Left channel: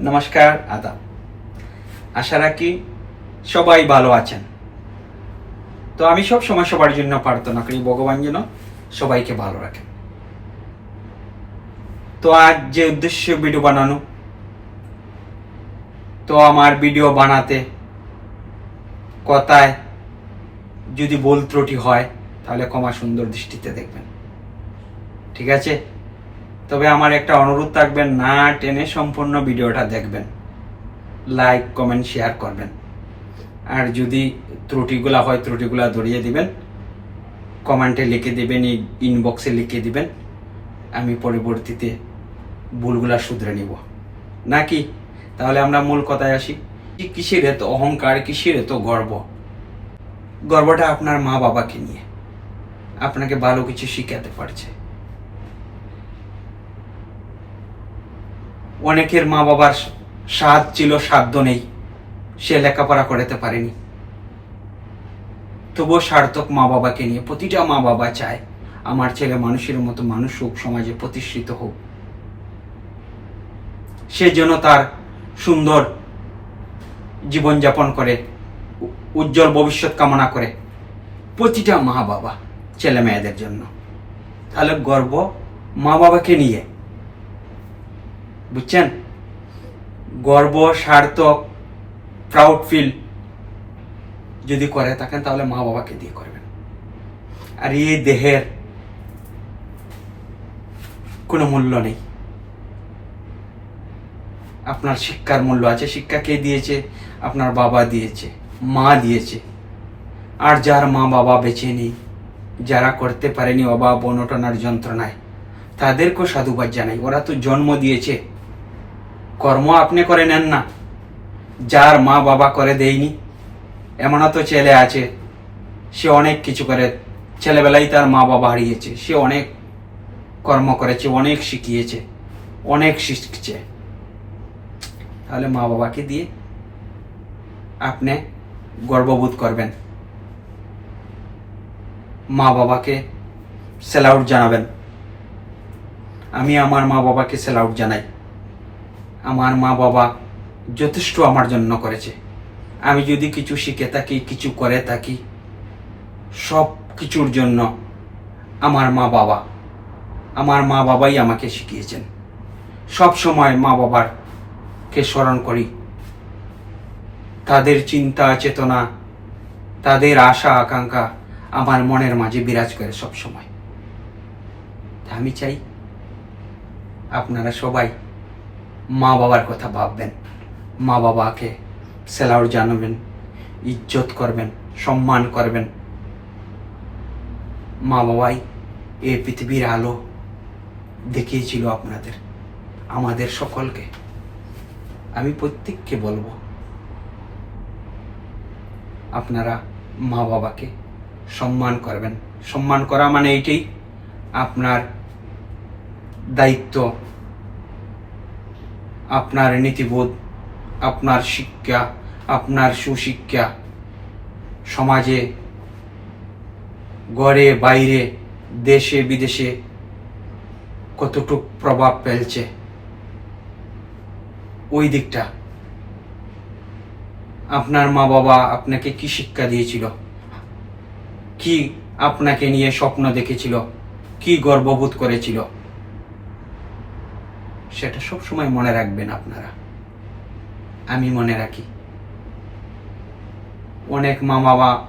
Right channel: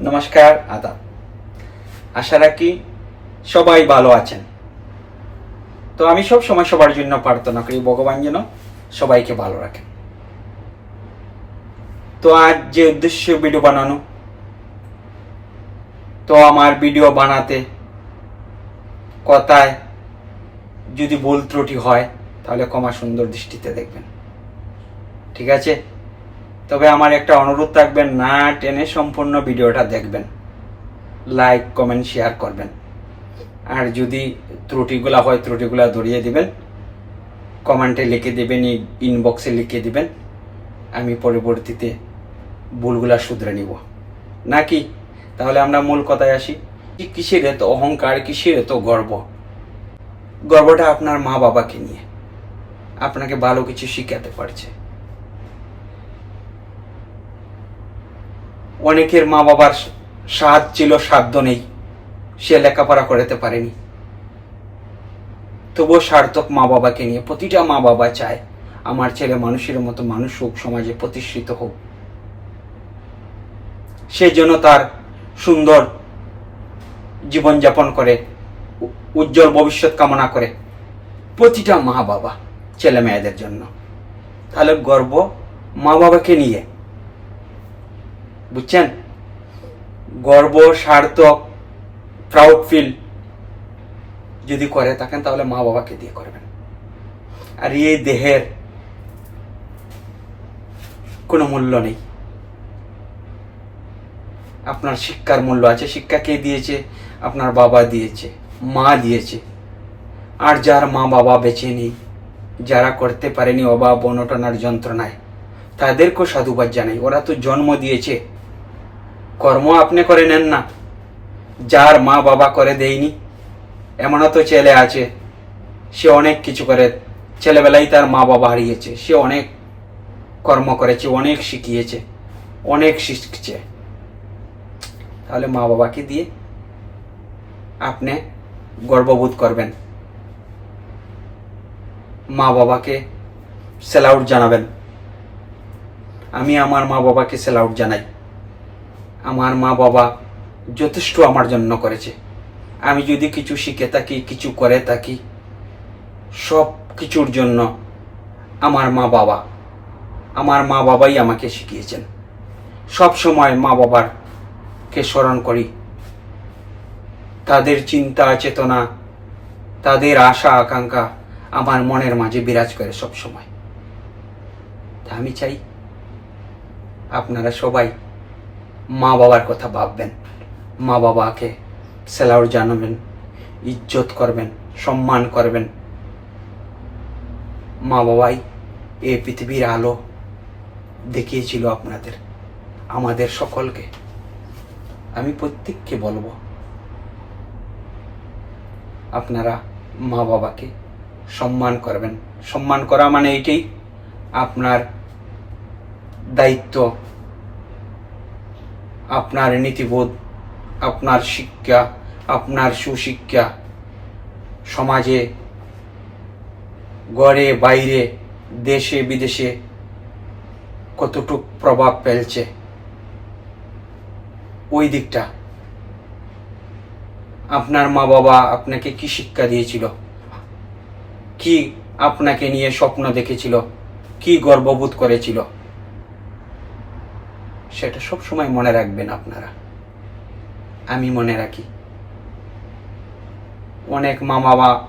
নমস্কার, আদা। আশা রাখি সবাই ভালো আছেন। তো আমি সব সময় সবার জন্য প্রার্থনা করি, ভগবান যেন সবাইকে ভালো রাখেন তো আজ যে উদ্দেশ্য ভিডিও বানানো, তো আমার ভিডিও বানাতে কথায় যদি ভুল ত্রুটি হয়, তাহলে ক্ষমা সুন্দর দৃষ্টিতে দেখবেন। ঠিক আছে? তবে আমার একটা অনুরোধ থাকবেন, না টেনে সম্পূর্ণ ভিডিওটা দেখবেন। লাইক কমেন্ট শেয়ার করবেন। আর যদি ত্রুটিগুলা হয়, ত্রুটিগুলা ধরিয়ে দিবেন। কমেন্টে লিখে দিবেন ইনবক্সে লিখে দিবেন। আমি পরবর্তীতে ভুলগুলা শুধরে নিব। নাকি? তাহলে আমরা মূল কথায় আসি। কিসের এত অহংকার কিসের এত গর্ব। গর্বটা আপনার মা বাবাকে নিয়ে। আপনাকে ভালো কিছু শিখাতে পারছে। অনেকের মা বাবার সাদ ছিল সাধ্য নেই। সে লেখাপড়া করতে পারেনি। তবুও সার্থক মা বাবাকে নিয়ে প্রতিটা মা বাবা চায় আমার ছেলে মানুষের মতো মানুষ হোক, সমাজে প্রতিষ্ঠিত হোক। সেই জন্য তার সুন্দর জীবনযাপন করে উজ্জ্বল ভবিষ্যৎ কামনা করে প্রতিটা মা বাবা ছেলে মেয়েদের জন্য। তাহলে গর্ব মা বাবাকে নিয়ে বুঝছেন? গর্ব সার্থক প্রাউড ফিল যদি করে থাকেন, তাহলে মা বাবাকে দিয়ে করবেন। আর এই দেহের কোনো মূল্য নেই। আপনার শিক্ষার মূল্য আছে। শিক্ষা কে দিয়েছে? আপনার বাবা দিয়েছে, মা দিয়েছে। আর যার মা বাবা বেঁচে নেই, যারা করতে পারেনি অভাব, অনটনার যন্ত্রণায়, তাদেরকেও সাধুবাদ জানাই। ওরা তো জন্ম দিয়েছে। কর্ম আপনি করে নেন না। যার মা বাবা করে দেয়নি, এমনও তো ছেলে আছে, সে অনেক কিছু করে। ছেলেবেলায় তার মা বাবা হারিয়েছে, সে অনেক কর্ম করেছে, অনেক শিখিয়েছে, অনেক শিখছে। তাহলে মা বাবাকে দিয়ে আপনি গর্ববোধ করবেন। মা বাবাকে সেলাউট জানাবেন। আমি আমার মা বাবাকে সেলাউট জানাই। আমার মা বাবা যথেষ্ট আমার জন্য করেছে। আমি যদি কিছু শিখে থাকি, কিছু করে থাকি, সব কিছুর জন্য আমার মা বাবা, আমার মা বাবাই আমাকে শিখিয়েছেন। সব সময় মা বাবার কে স্মরণ করি। তাদের চিন্তা, চেতনা, তাদের আশা, আকাঙ্ক্ষা আমার মনের মাঝে বিরাজ করে সব সময়। আমি চাই আপনারা সবাই মা বাবার কথা ভাববেন। মা বাবাকে সেলাউট জানাবেন, ইজ্জত করবেন, সম্মান করবেন। মা বাবাই এই পৃথিবীর আলো দেখিয়েছিল আপনাদের, আমাদের সকলকে। আমি প্রত্যেককে বলব, আপনারা মা বাবাকে সম্মান করবেন। সম্মান করা মানে এইটাই আপনার দায়িত্ব আপনার নীতিবোধ, আপনার শিক্ষা, আপনার সুশিক্ষা। সমাজে ঘরে বাইরে, দেশে, বিদেশে কতটুক প্রভাব ফেলছে? ওই দিকটা। আপনার মা বাবা আপনাকে কি শিক্ষা দিয়েছিল? কি আপনাকে নিয়ে স্বপ্ন দেখেছিল? কি গর্ববোধ করেছিল? সেটা সব সময় মনে রাখবেন আপনারা। আমি মনে রাখি। অনেক মা বাবা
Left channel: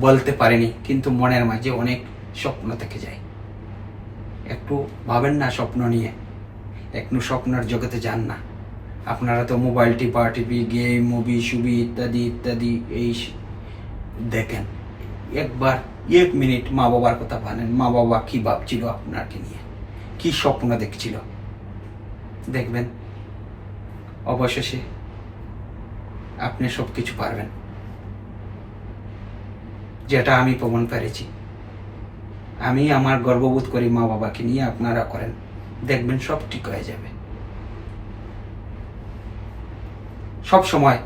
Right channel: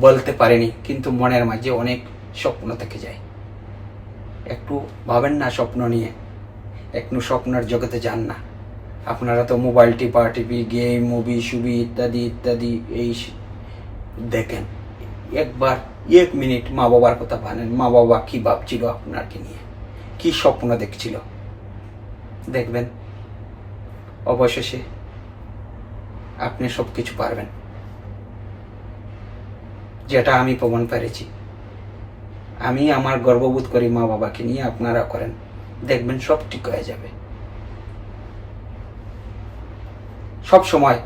বলতে পারেনি, কিন্তু মনের মাঝে অনেক স্বপ্ন থেকে যায়। একটু ভাবেন না স্বপ্ন নিয়ে। একটু স্বপ্নের জগতে যান না। আপনারা তো মোবাইল টিপা টিপি, গেম, মুভি সুবি ইত্যাদি ইত্যাদি, এই দেখেন। একবার এক মিনিট মা বাবার কথা ভাবেন মা বাবা কি ভাবছিল আপনাকে নিয়ে? কি স্বপ্ন দেখছিল? দেখবেন, অবশেষে আপনি সব কিছু পারবেন। যেটা আমি প্রমাণ পেরেছি। আমি আমার গর্ববোধ করি মা বাবাকে নিয়ে আপনারা করেন। দেখবেন সব ঠিক হয়ে যাবে। সব সময়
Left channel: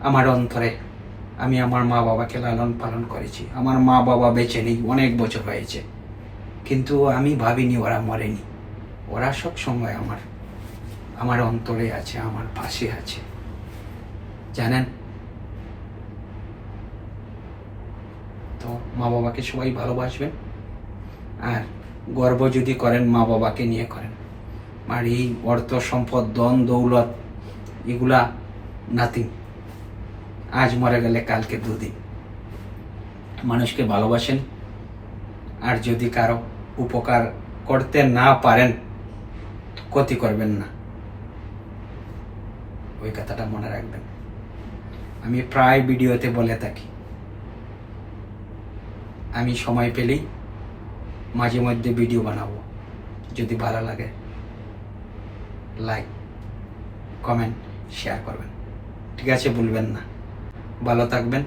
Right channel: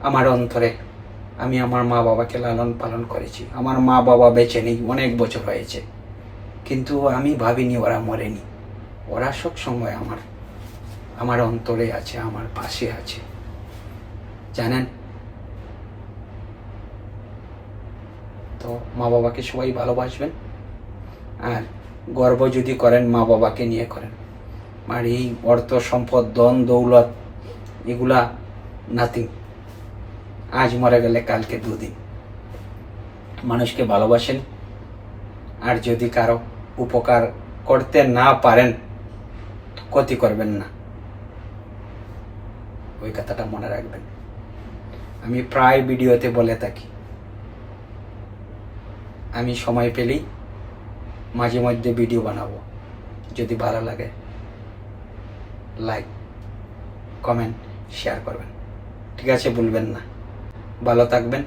আমার অন্তরে আমি আমার মা বাবাকে লালন পালন করেছি। আমার মা বাবা বেঁচে নেই, অনেক বছর হয়েছে। কিন্তু আমি ভাবিনি ওরা মরেনি। ওরা সব সময় আমার আমার অন্তরে আছে, আমার পাশে আছে। জানেন? তো মা বাবাকে সবাই ভালোবাসবেন, আর গর্ব যদি করেন মা বাবাকে নিয়ে করেন। আর এই অর্থ, সম্পদ দন দৌলত, এগুলা নাতি আজ মরে গেলে কালকে দুদিন। মানুষকে ভালোবাসেন, আর যদি কারও উপকার করতে না পারেন, ক্ষতি করবেন না। ওই কথাটা মনে রাখবেন আমি প্রায় ভিডিওতে বলে থাকি। আমি সময় পেলেই মাঝে মধ্যে ভিডিও বানাবো। যদি ভালো লাগে লাইক কমেন্ট শেয়ার করবেন। ঠিক আছে বলবেন না। ভালো থাকবেন।